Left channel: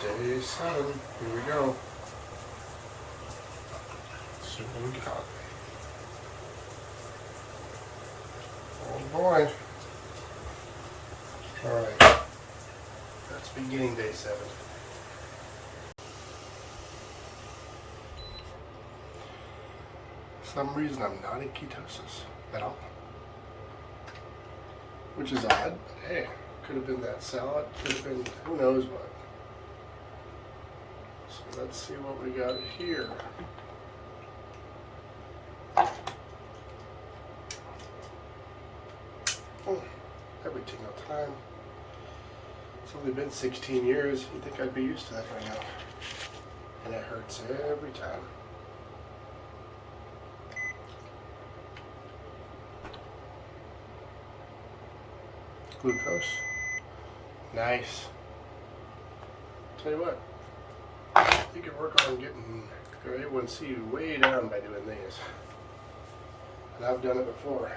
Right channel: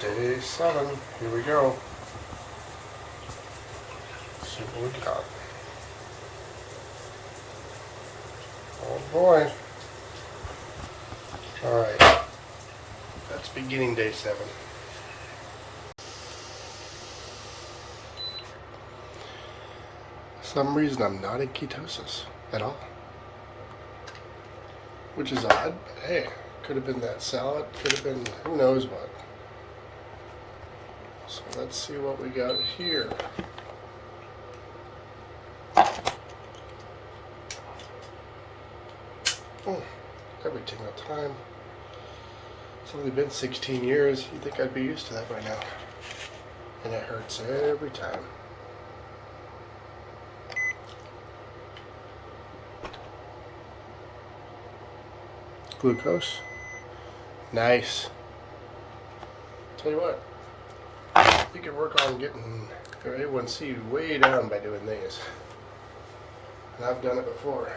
Day 7. Here we go. Let's see what we got. Oh boy. Alright. That's beginning day 7. For some reason I'm not in ketosis at all. Which is odd, but hey, could have been that salad, could have been who knows what. So let's see what we got here. Every single time. It's only been 16 years. You'd think I'd be used to that by now. And it hurts every time. Glucose. Nice. Tell you what, you can work on getting your A1C way down by doing these. And I've done it before.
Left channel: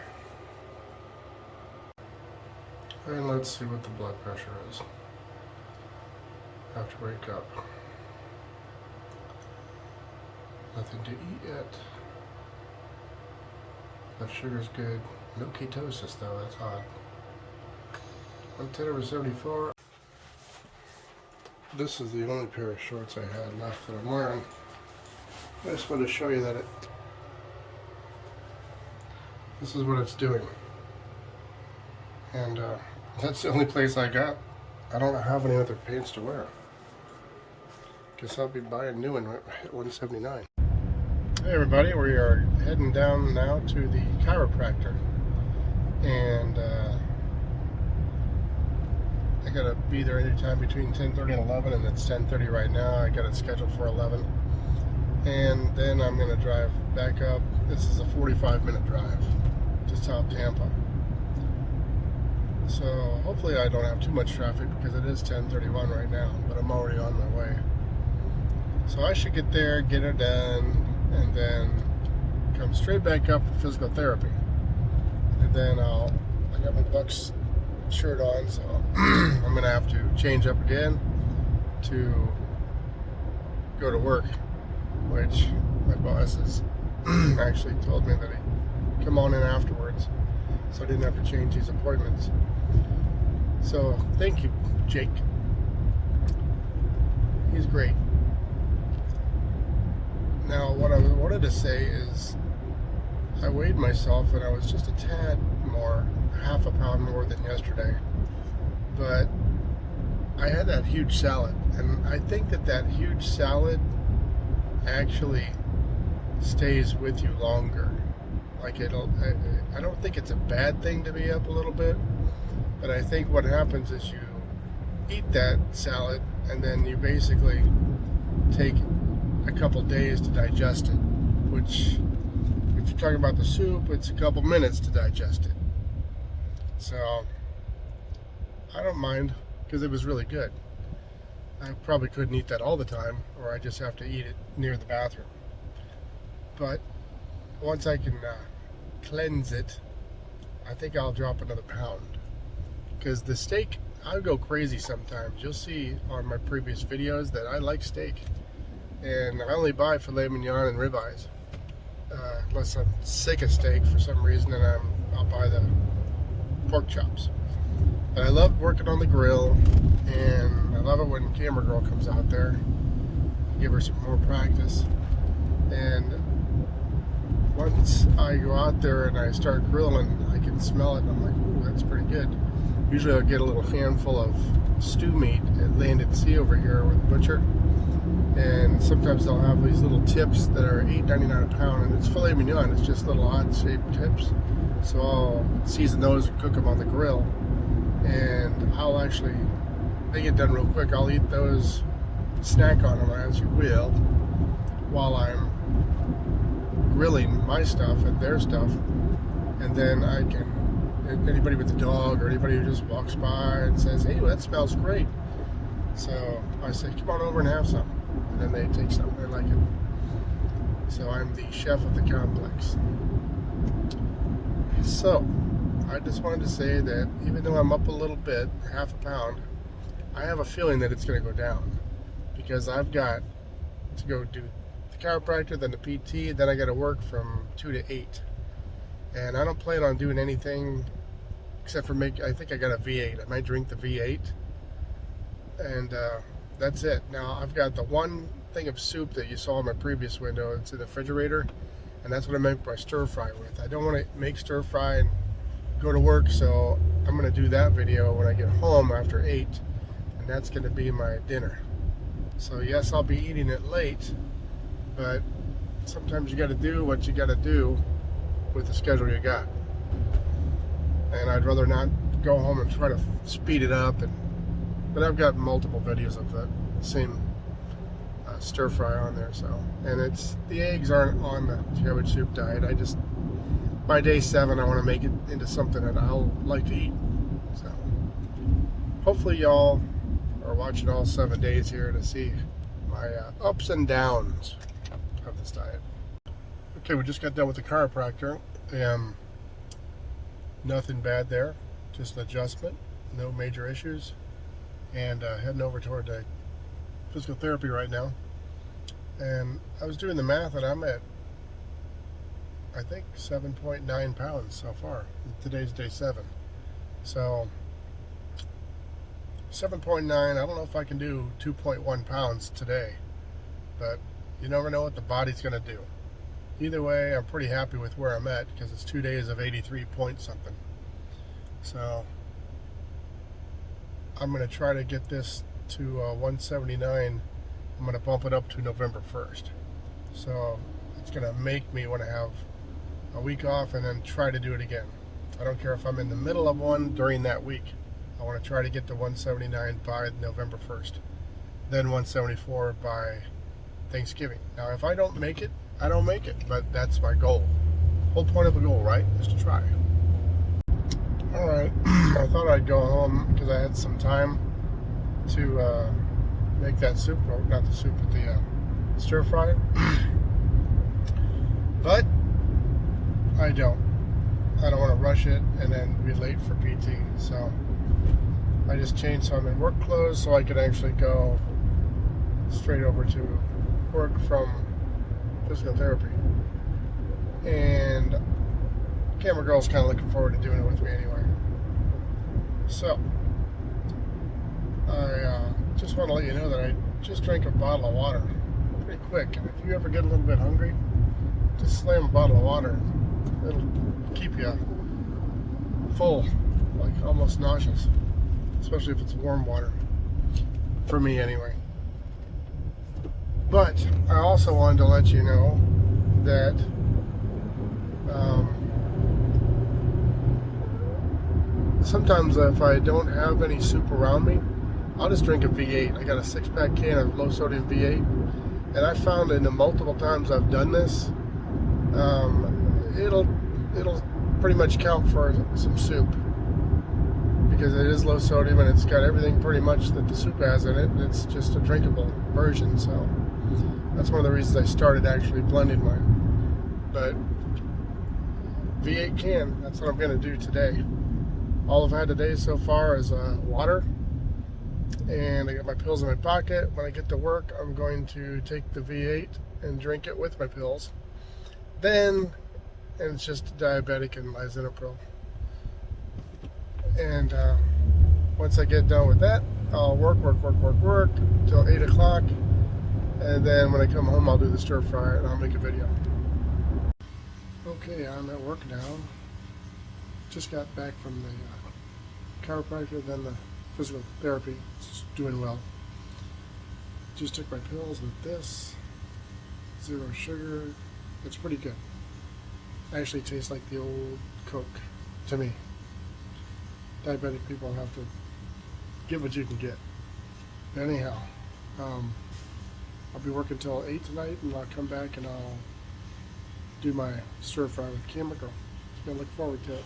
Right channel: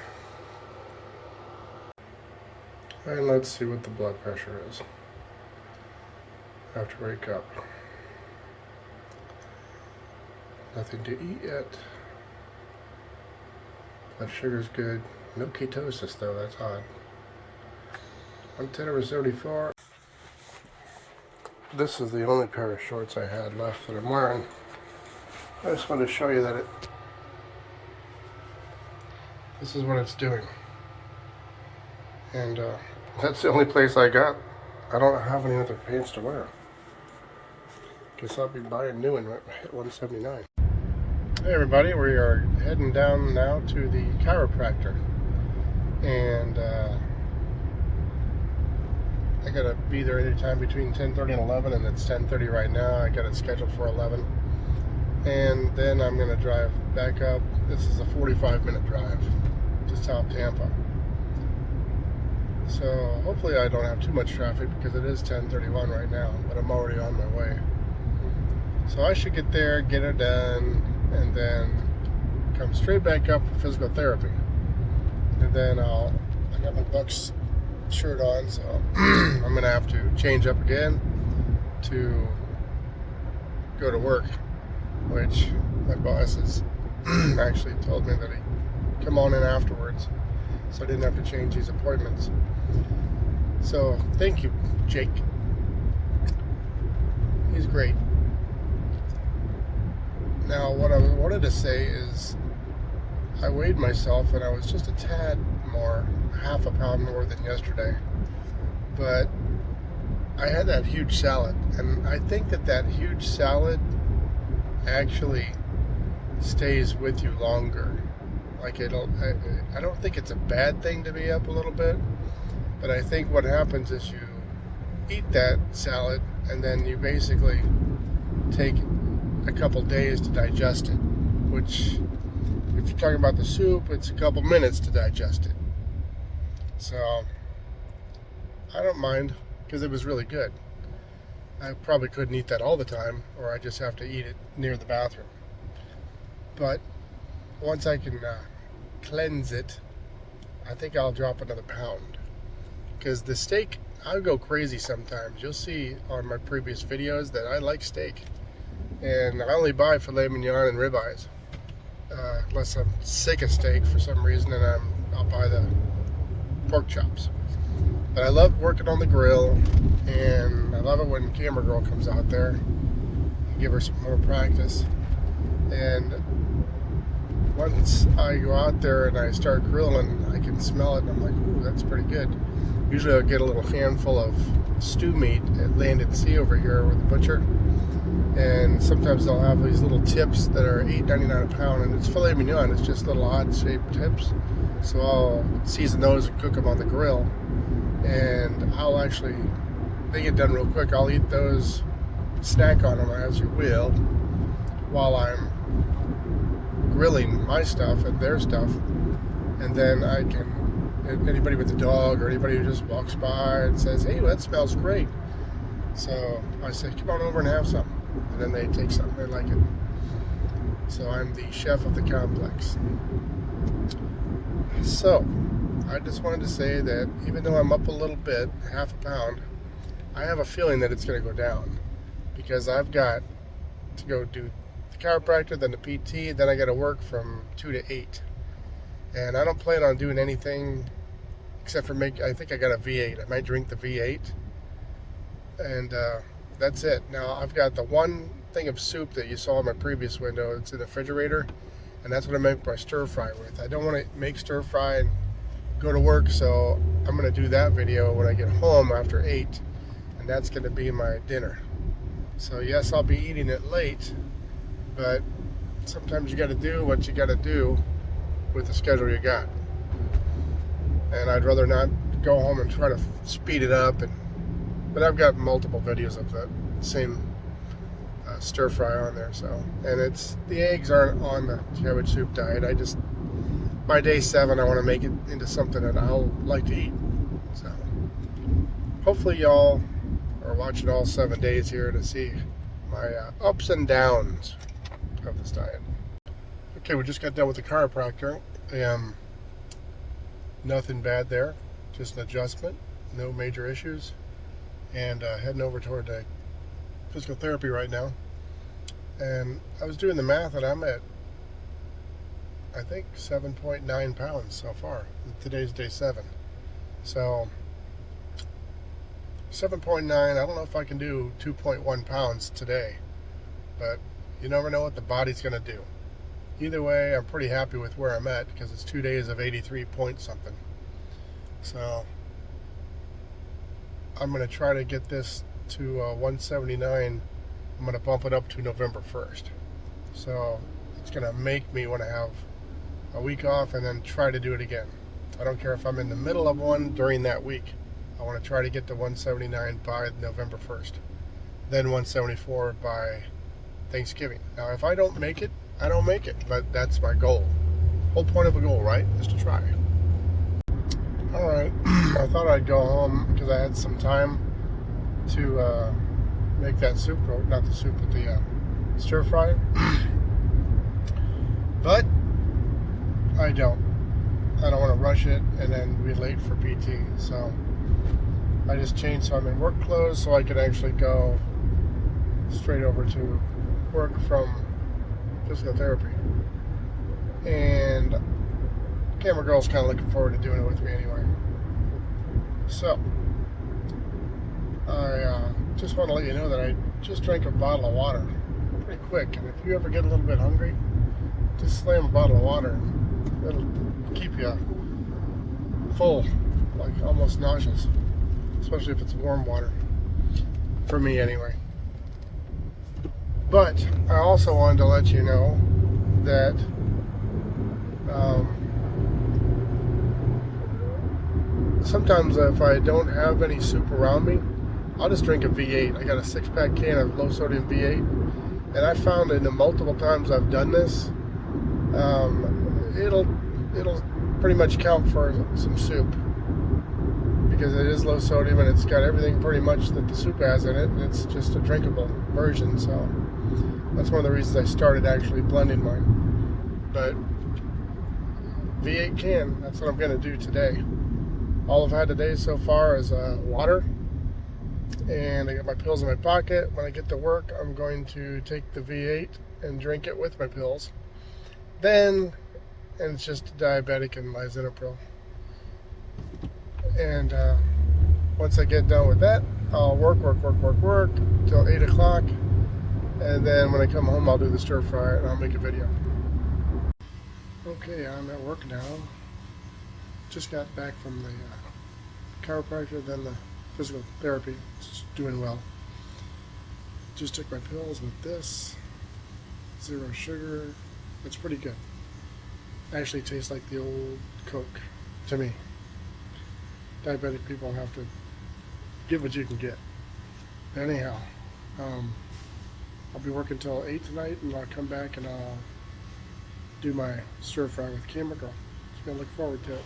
And let's see what the blood pressure is after we wake up. Nothing to eat yet. Blood sugar's good. No ketosis though, that's odd. 110/74. This is the only pair of shorts I had left that I'm wearing. I just wanted to show you that this is what it's doing. And that's the only place I got. I don't have any other pants to wear. Guess I'll be buying new one at 179. Hey everybody, we are heading down now to the chiropractor. And I gotta be there anytime between 10:30 and 11, and it's 10:30 right now. I got it scheduled for 11. And then I'm gonna drive back up. This is a 45-minute drive to South Tampa. So hopefully I don't have too much traffic because it is 10:31 right now, but I'm already on my way. So I should get there, get it done, and then come straight back up for physical therapy. And then I got my Bucks shirt on, so I'm gonna have to change up again to go to work, which my boss has actually told me that he'd come on in afterwards, so I didn't have to change these appointments. So thank you, Jake. He's great. Now what I wanted to say is I weighed myself and I was just a tad more, half a pound more than yesterday, but I had that huge salad, and I think that huge salad actually stays with you longer. Like I don't think it's a bad thing to be up a little bit, but I think what happens is you eat that salad and then you basically take a couple days to digest it, which if you're talking about the soup, it's a couple minutes to digest it. So I don't mind because it was really good. I probably couldn't eat that all the time, or I just have to eat it near the bathroom. But once I can cleanse it, I think I'll drop another pound. Because the steak, I go crazy sometimes. You'll see on my previous videos that I like steak. And I only buy filet mignon and ribeyes. Unless I'm sick of steak for some reason, and I'll buy the pork chops. But I love working on the grill, and I love it when Camera Girl comes out there. Give her some more practice. And once I go out there and I start grilling, I can smell it, and I'm like, ooh, that's pretty good. Usually I'll get a little handful of stew meat at Land and Sea over here with the butcher. And sometimes they'll have these little tips that are $8.99 a pound, and it's filet mignon. It's just little odd-shaped tips. So I'll season those and cook them on the grill. And I'll actually, they get done real quick. I'll eat those, snack on them as you will, while I'm grilling my stuff and their stuff. And then I can, anybody with a dog or anybody who just walks by and says, hey, that smells great. So I say, come on over and have some. And then they take some, they like it. So I'm the chef of the complex. So I just wanted to say that even though I'm up a little bit, half a pound, I have a feeling that it's going to go down. because I've got to go do the chiropractor, then the PT, then I got to work from 2 to 8. And I don't plan on doing anything except for I think I got a V8. I might drink the V8. And that's it. Now, I've got the one thing of soup that you saw in my previous window. It's in the refrigerator. And that's what I make my stir fry with. I don't want to make stir fry and go to work, so I'm going to do that video when I get home after 8. And that's going to be my dinner. So yes, I'll be eating it late, but sometimes you got to do what you got to do with the schedule you got. And I'd rather not go home and try to speed it up. But I've got multiple videos of the same stir fry on there. So, and the eggs aren't on the cabbage soup diet. By day 7, I want to make it into something that I'll like to eat. So hopefully y'all are watching all 7 days here to see my ups and downs of this diet. Okay, we just got done with the chiropractor. Nothing bad there, just an adjustment, no major issues. And heading over toward the physical therapy right now. And I was doing the math, and I'm at, I think, 7.9 pounds so far. Today's day 7. So 7.9, I don't know if I can do 2.1 pounds today, but you never know what the body's going to do. Either way, I'm pretty happy with where I'm at because it's 2 days of 83 point something. So I'm going to try to get this to 179. I'm going to bump it up to November 1st. So it's going to make me want to have a week off and then try to do it again. I don't care if I'm in the middle of one during that week. I want to try to get to 179 by November 1st. Then 174 by Thanksgiving. Now, if I don't make it, I don't make it. But that's my goal. Whole point of a goal, right? Is to try. All right. I thought I'd go home because I had some time to make that soup. Not the soup, but the stir fry. But I don't. I don't want to rush it and then be late for PT. So I just changed some in work clothes so I could actually go straight over to work from physical therapy. And camera girl's kind of looking forward to doing it with me anyway. So I just want to let you know that I just drank a bottle of water pretty quick. And if you ever get a little bit hungry, just slam a bottle of water. It'll keep you full, like almost nauseous, especially if it's warm water, for me anyway. But I also wanted to let you know that sometimes if I don't have any soup around me, I'll just drink a V8. I got a 6-pack can of low sodium V8, and I found in the multiple times I've done this, it'll pretty much count for some soup because it is low sodium and it's got everything pretty much that the soup has in it, and it's just a drinkable version. So that's one of the reasons I started actually blending mine. But V8 can, that's what I'm going to do today. All I've had today so far is water, and I got my pills in my pocket. When I get to work, I'm going to take the V8 and drink it with my pills. Then, and it's just diabetic and lisinopril. And once I get done with that, I'll work till 8 o'clock. And then when I come home, I'll do the stir fry and I'll make a video. Okay, I'm at work now. Just got back from the chiropractor, then the physical therapy. It's doing well. Just took my pills with this. 0 sugar. It's pretty good. Actually tastes like the old Coke to me. Diabetic people have to get what you can get. Anyhow, I'll be working till 8 tonight, and I'll come back and I'll do my stir fry with camera girl. Just gonna look forward to it.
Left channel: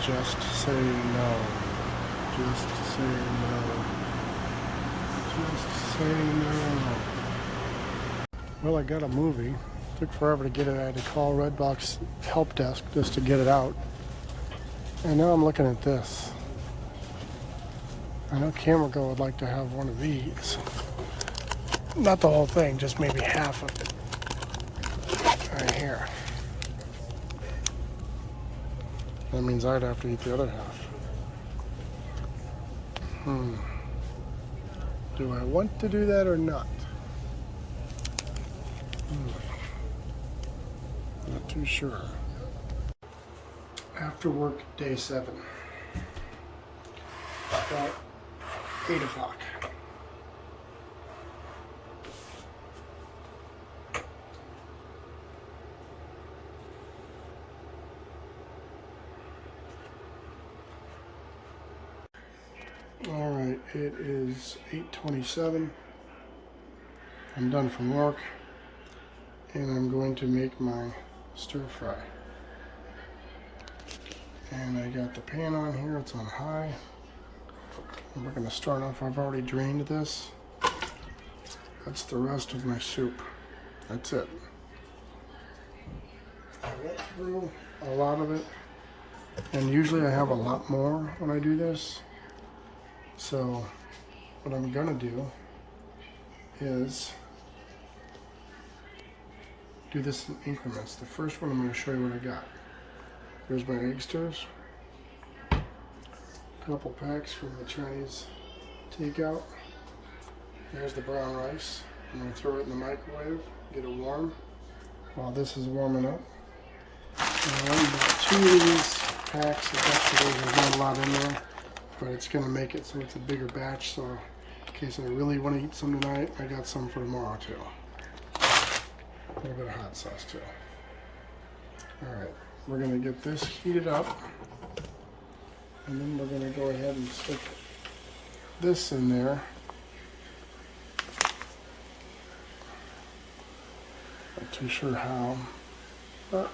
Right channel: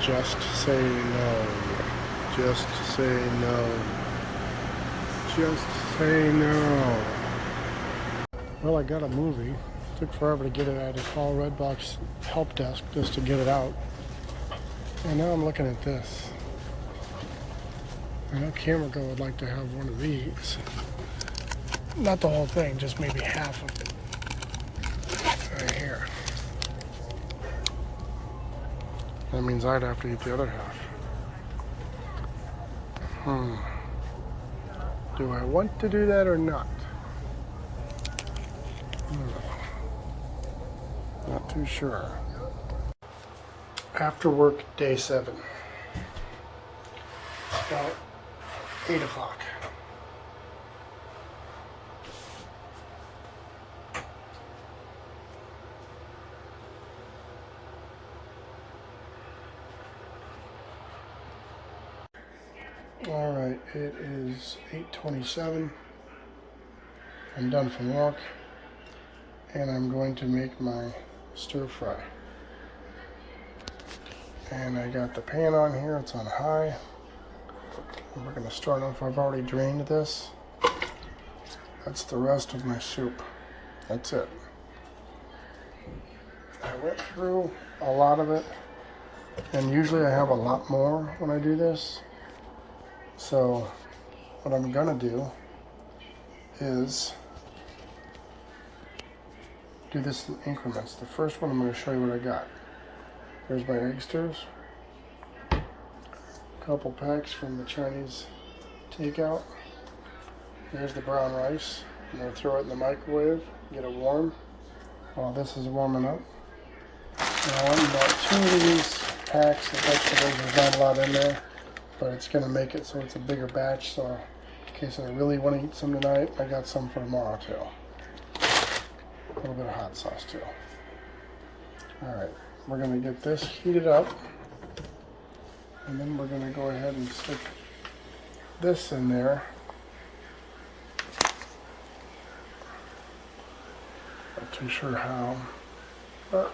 Just say no. Just say no. Just say no. Well, I got a movie. Took forever to get it. I had to call Redbox help desk just to get it out. And now I'm looking at this. I know Camera Girl would like to have one of these. Not the whole thing, just maybe half of it. Right here. That means I'd have to eat the other half. Do I want to do that or not? Not too sure. After work, day 7. About 8 o'clock. All right, it is 8:27. I'm done from work, and I'm going to make my stir fry. And I got the pan on here, it's on high. And we're gonna start off, I've already drained this. That's the rest of my soup. That's it. I went through a lot of it, and usually I have a lot more when I do this. So what I'm gonna do is do this in increments. The first one I'm gonna show you what I got. Here's my egg stirs. A couple packs from the Chinese takeout. There's the brown rice. I'm gonna throw it in the microwave, get it warm while this is warming up. And I want about 2 of these packs of vegetables. There's not a lot in there, but it's gonna make it so it's a bigger batch. So in case I really want to eat some tonight, I got some for tomorrow too. A little bit of hot sauce too. All right, we're gonna get this heated up, and then we're gonna go ahead and stick this in there. Not too sure how, but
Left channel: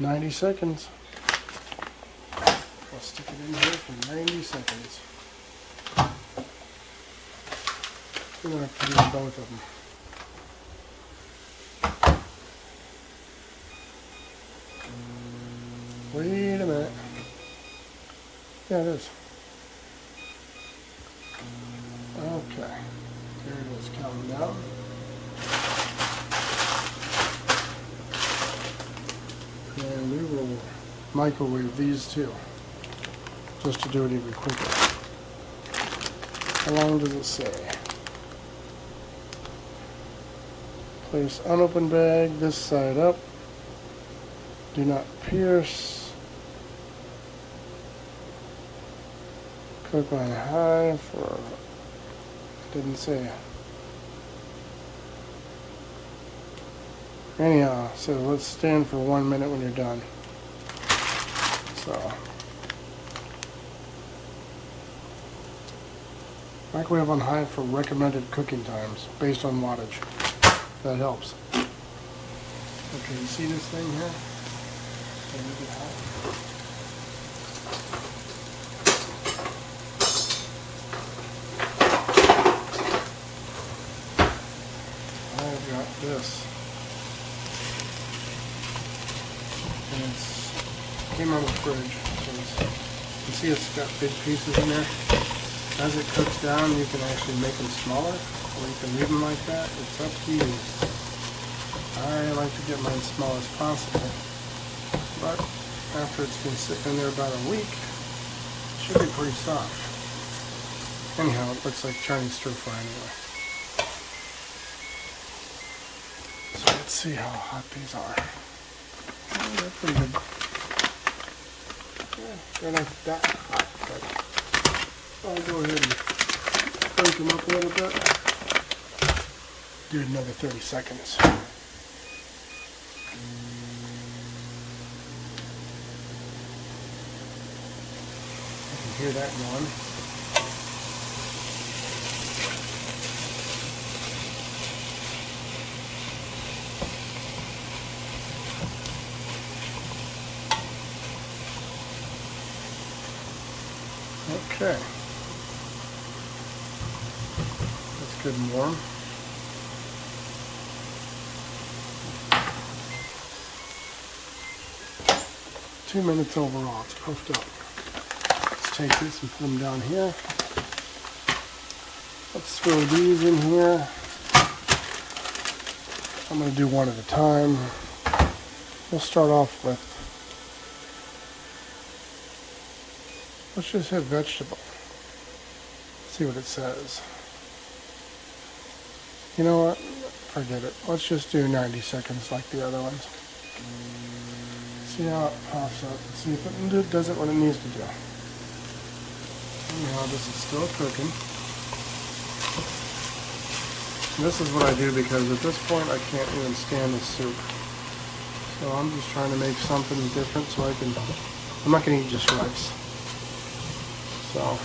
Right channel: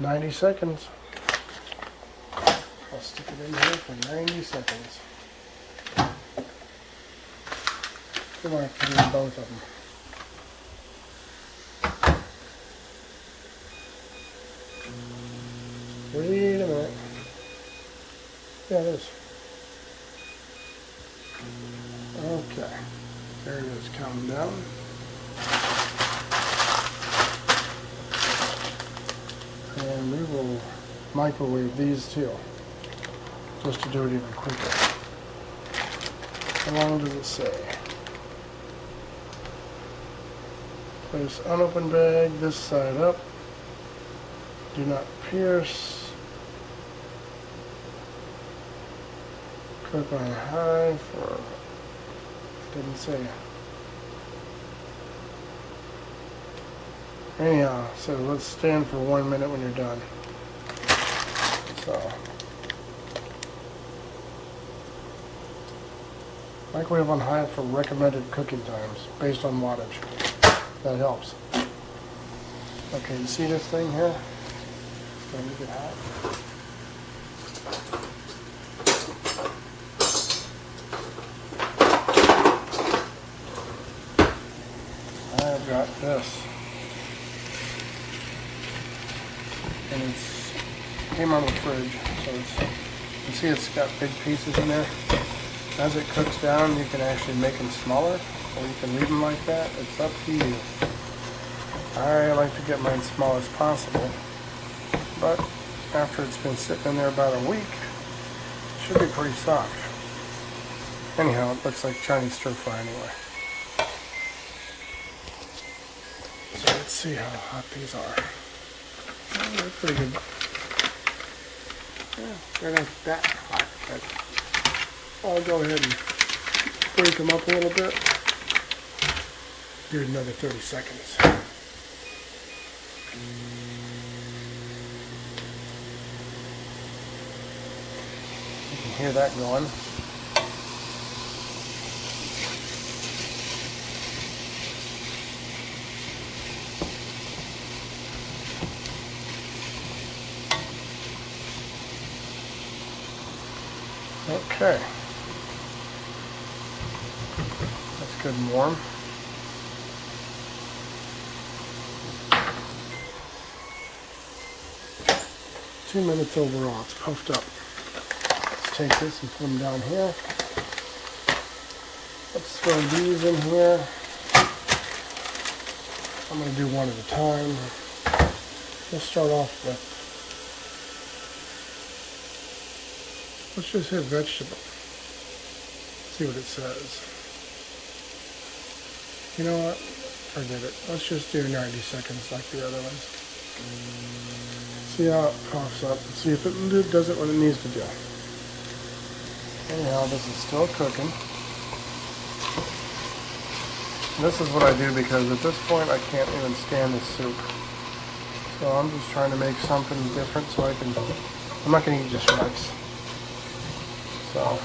90 seconds. I'll stick it in here for 90 seconds. We might have to do both of them. Wait a minute. Yeah, it is. Okay. There it is, counting down. And we will microwave these too, just to do it even quicker. How long does it say? Place unopened bag, this side up. Do not pierce. Cook on high for, didn't say. Anyhow, so let's stand for 1 minute when you're done. So, microwave on high for recommended cooking times based on wattage. That helps. Okay, you see this thing here? Let me get hot. I've got this. And it came out of the fridge, so you see it's got big pieces in there. As it cooks down, you can actually make them smaller, or you can leave them like that. It's up to you. I like to get mine small as possible, but after it's been sitting in there about a week, it should be pretty soft. Anyhow, it looks like Chinese stir fry anyway. So let's see how hot these are. Oh, they're pretty good. Yeah, they're not that hot, but I'll go ahead and break them up a little bit. Do another 30 seconds. You can hear that going. Okay, that's good and warm. Two minutes overall, it's puffed up. Let's take this and put them down here. Let's throw these in here. I'm going to do one at a time. We'll start off with, let's just hit vegetable. See what it says. You know what? Forget it. Let's just do 90 seconds like the other ones. See how it pops up. See if it does it what it needs to do. Anyhow, this is still cooking. And this is what I do because at this point I can't even stand the soup. So I'm just trying to make something different so I'm not going to eat just rice. So.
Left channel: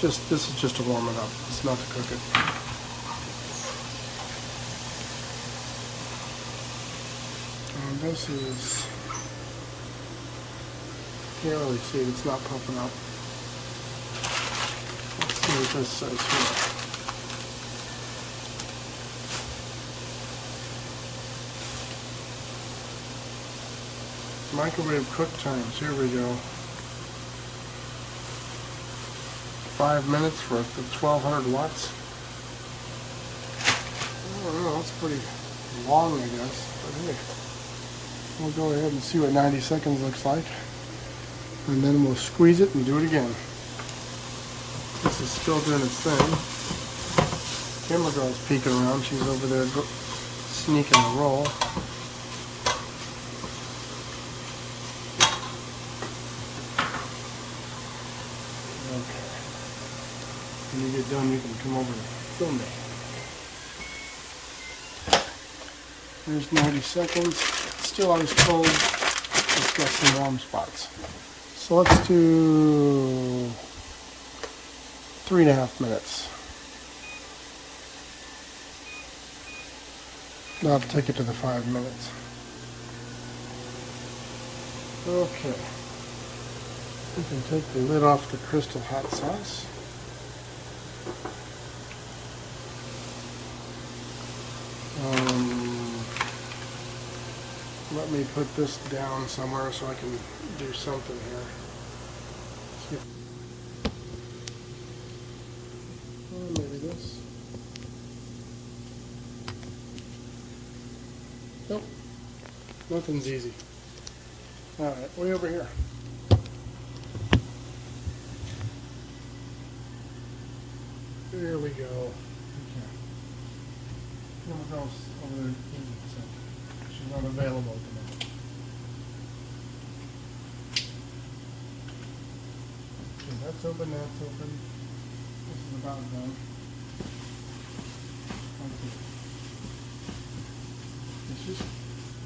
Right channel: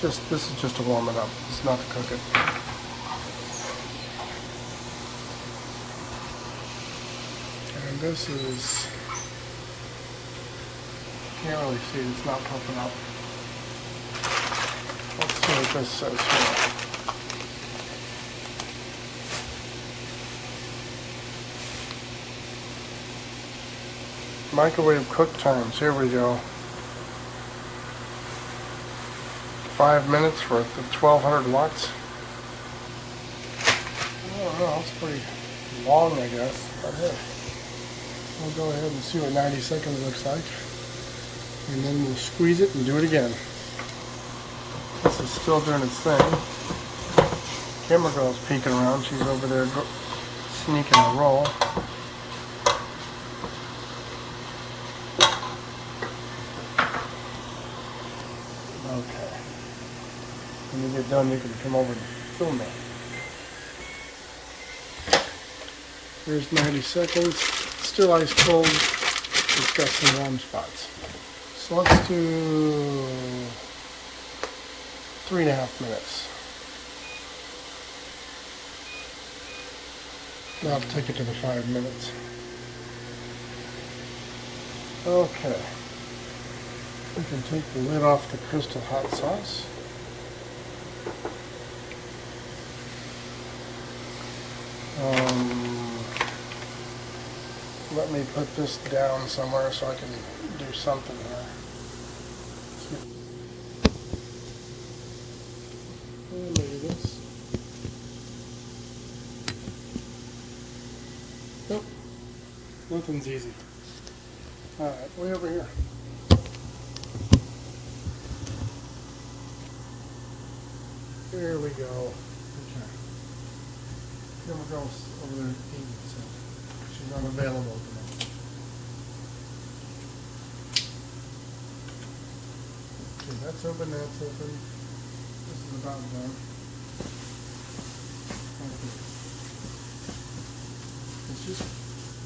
This is just to warm it up. It's not to cook it. And this is, can't really see it, it's not cooking up. Let's see what this says here. Microwave cook times, here we go. 5 minutes for 1200 watts. Oh, that's pretty long, I guess. That hurt. We'll go ahead and see what 90 seconds looks like. And then we'll squeeze it and do it again. This is still doing its thing. Camera girl's peeking around. She's over there sneaking a roll. Okay. When you get done, you can come over and film that. Here's 90 seconds. Still ice cold. It's got some warm spots. So let's do 3.5 minutes. Now I'll take it to the 5 minutes. Okay. We can take the lid off the Crystal hot sauce. Let me put this down somewhere so I can do something here. Maybe this. Nope. Nothing's easy. Alright, way over here. There we go. Okay. Camera girl's over there eating, so she's not available tonight. Okay, that's open, that's open. This is about done. Okay. It's just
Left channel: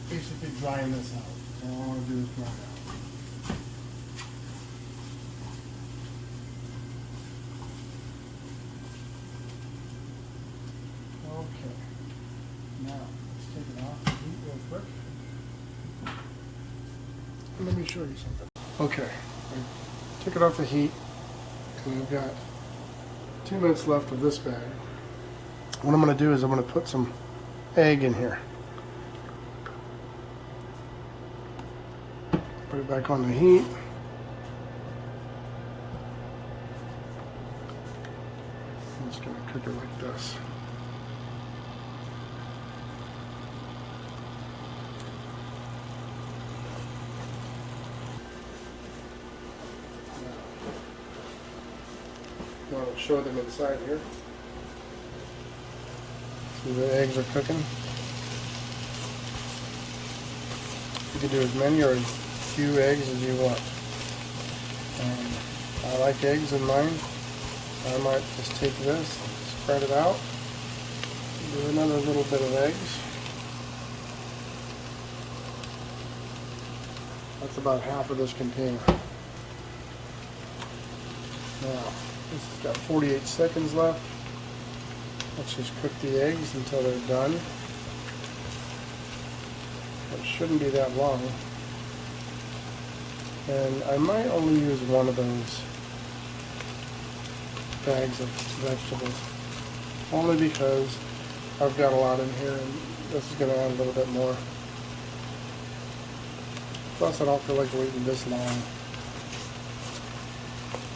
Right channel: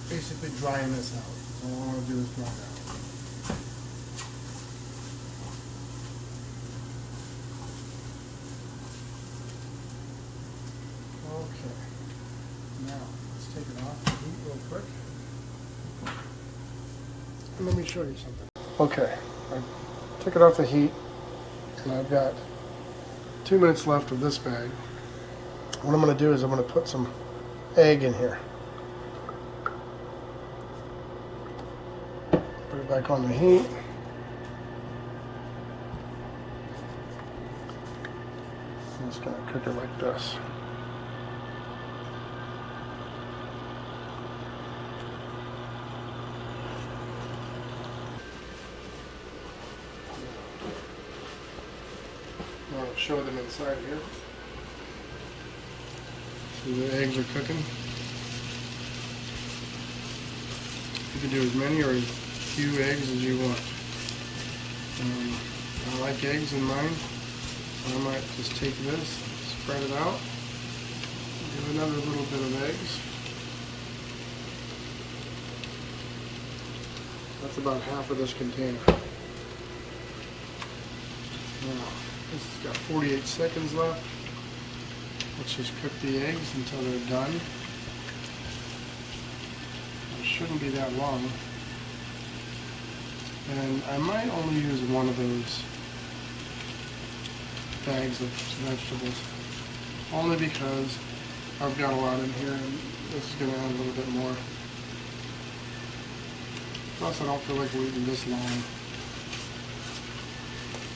basically drying this out. All I want to do is dry it out. Okay, now let's take it off the heat real quick. And let me show you something. Okay, I took it off the heat and I've got 2 minutes left of this bag. What I'm going to do is I'm going to put some egg in here. Put it back on the heat. I'm just going to cook it like this. You want to show them inside here. See the eggs are cooking. You can do as many or as few eggs as you want. And I like eggs in mine. I might just take this, spread it out, do another little bit of eggs. That's about half of this container. Now, this has got 48 seconds left. Let's just cook the eggs until they're done. It shouldn't be that long. And I might only use one of those bags of vegetables, only because I've got a lot in here and this is going to add a little bit more. Plus I don't feel like we're eating this long.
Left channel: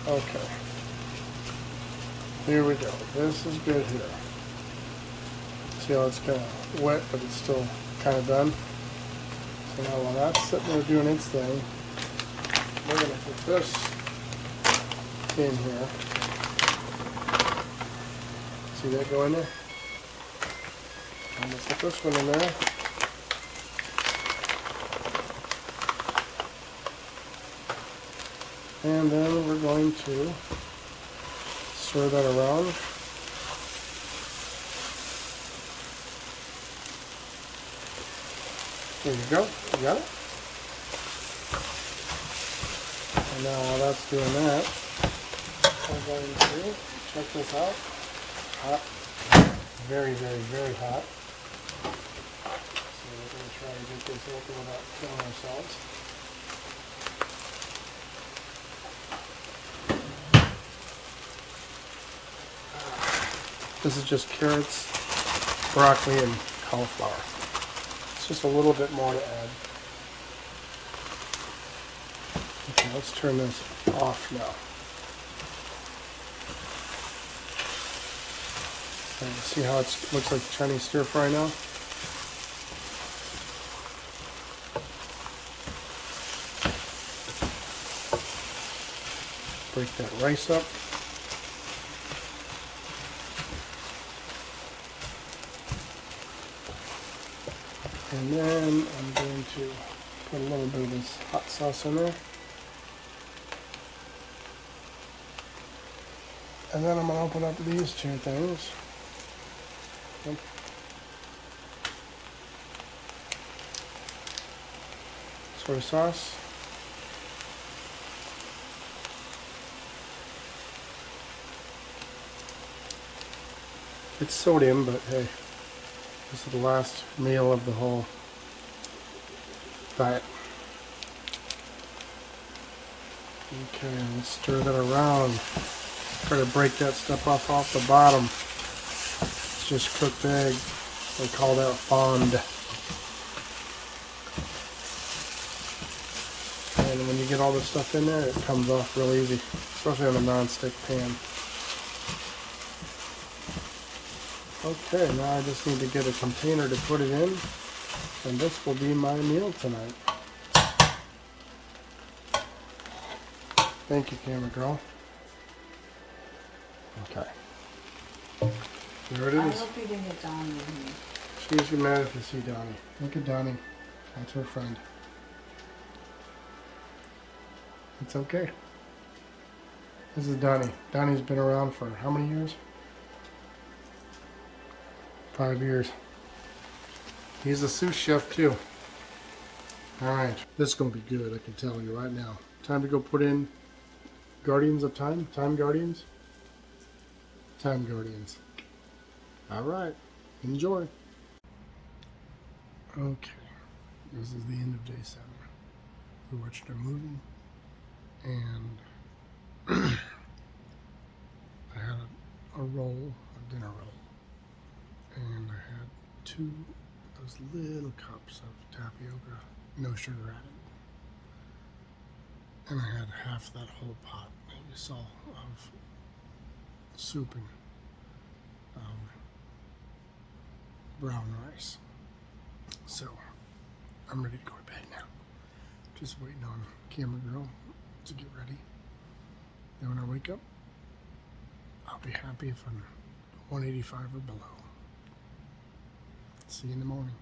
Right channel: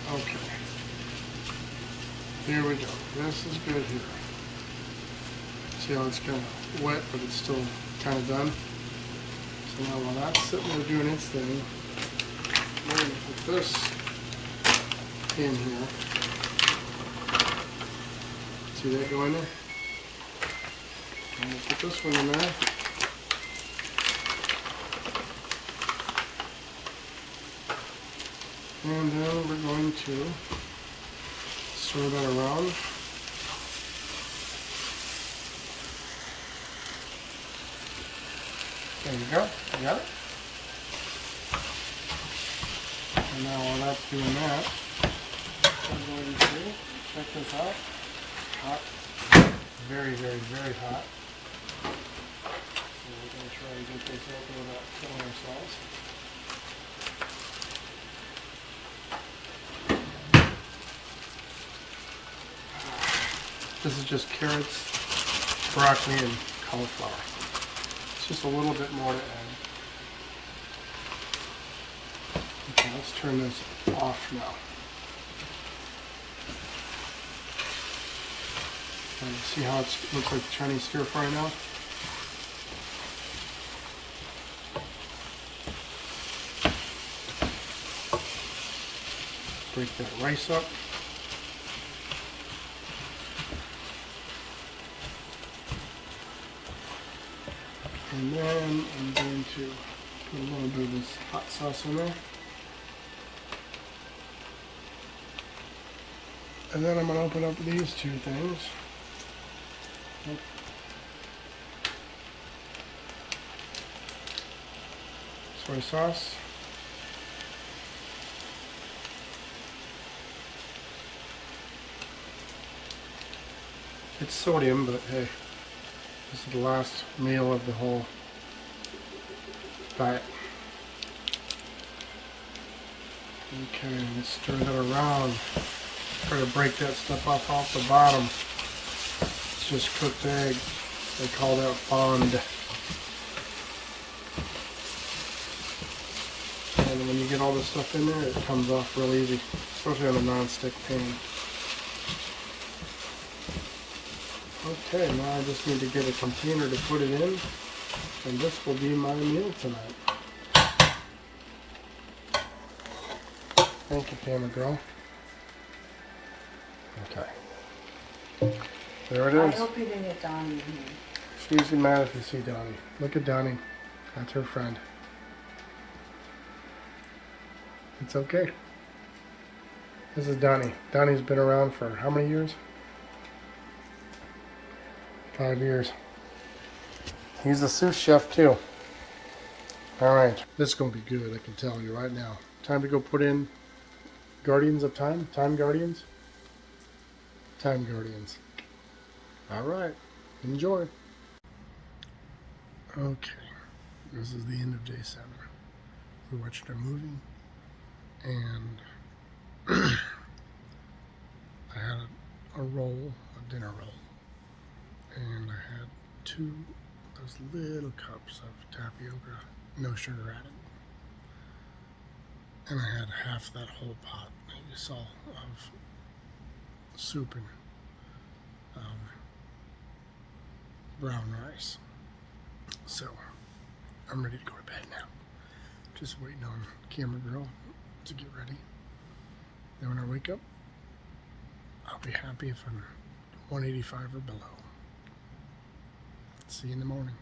Okay. Here we go. This is good here. See how it's kind of wet, but it's still kind of done. So now while that's sitting there doing its thing, we're going to put this in here. See that going there? I'm going to put this one in there. And then we're going to stir that around. There you go. You got it? And now while that's doing that, I'm going to check this out. Hot. Very, very, very hot. So we're going to try and get this open without killing ourselves. This is just carrots, broccoli, and cauliflower. It's just a little bit more to add. Okay, let's turn this off now. See how it looks like Chinese stir fry now? Break that rice up. And then I'm going to put a little bit of this hot sauce in there. And then I'm going to open up these two things. Okay. Soy sauce. It's sodium, but hey. This is the last meal of the whole diet. Okay, let's stir that around. Try to break that stuff off the bottom. It's just cooked egg. We call that fond. And when you get all this stuff in there, it comes off real easy, especially on a non-stick pan. Okay, now I just need to get a container to put it in, and this will be my meal tonight. Thank you, camera girl. Okay. There it is. I hope you didn't get Donnie in here. She's usually mad if you see Donnie. Look at Donnie. That's her friend. It's okay. This is Donnie. Donnie's been around for how many years? 5 years. He's a sous chef too. Alright, this is going to be good, I can tell you right now. Time to go put in Guardians of Time? Time Guardians? Time Guardians. Alright, enjoy. Okay, this is the end of day 7. We watched a movie and I had a roll, a dinner roll. And I had 2 of those little cups of tapioca, no sugar added. And I had half that whole pot that you saw of soup and brown rice. So I'm ready to go to bed now. Just waiting on camera girl to get ready. Then when I wake up, I'll be happy if I'm 185 or below. See you in the morning.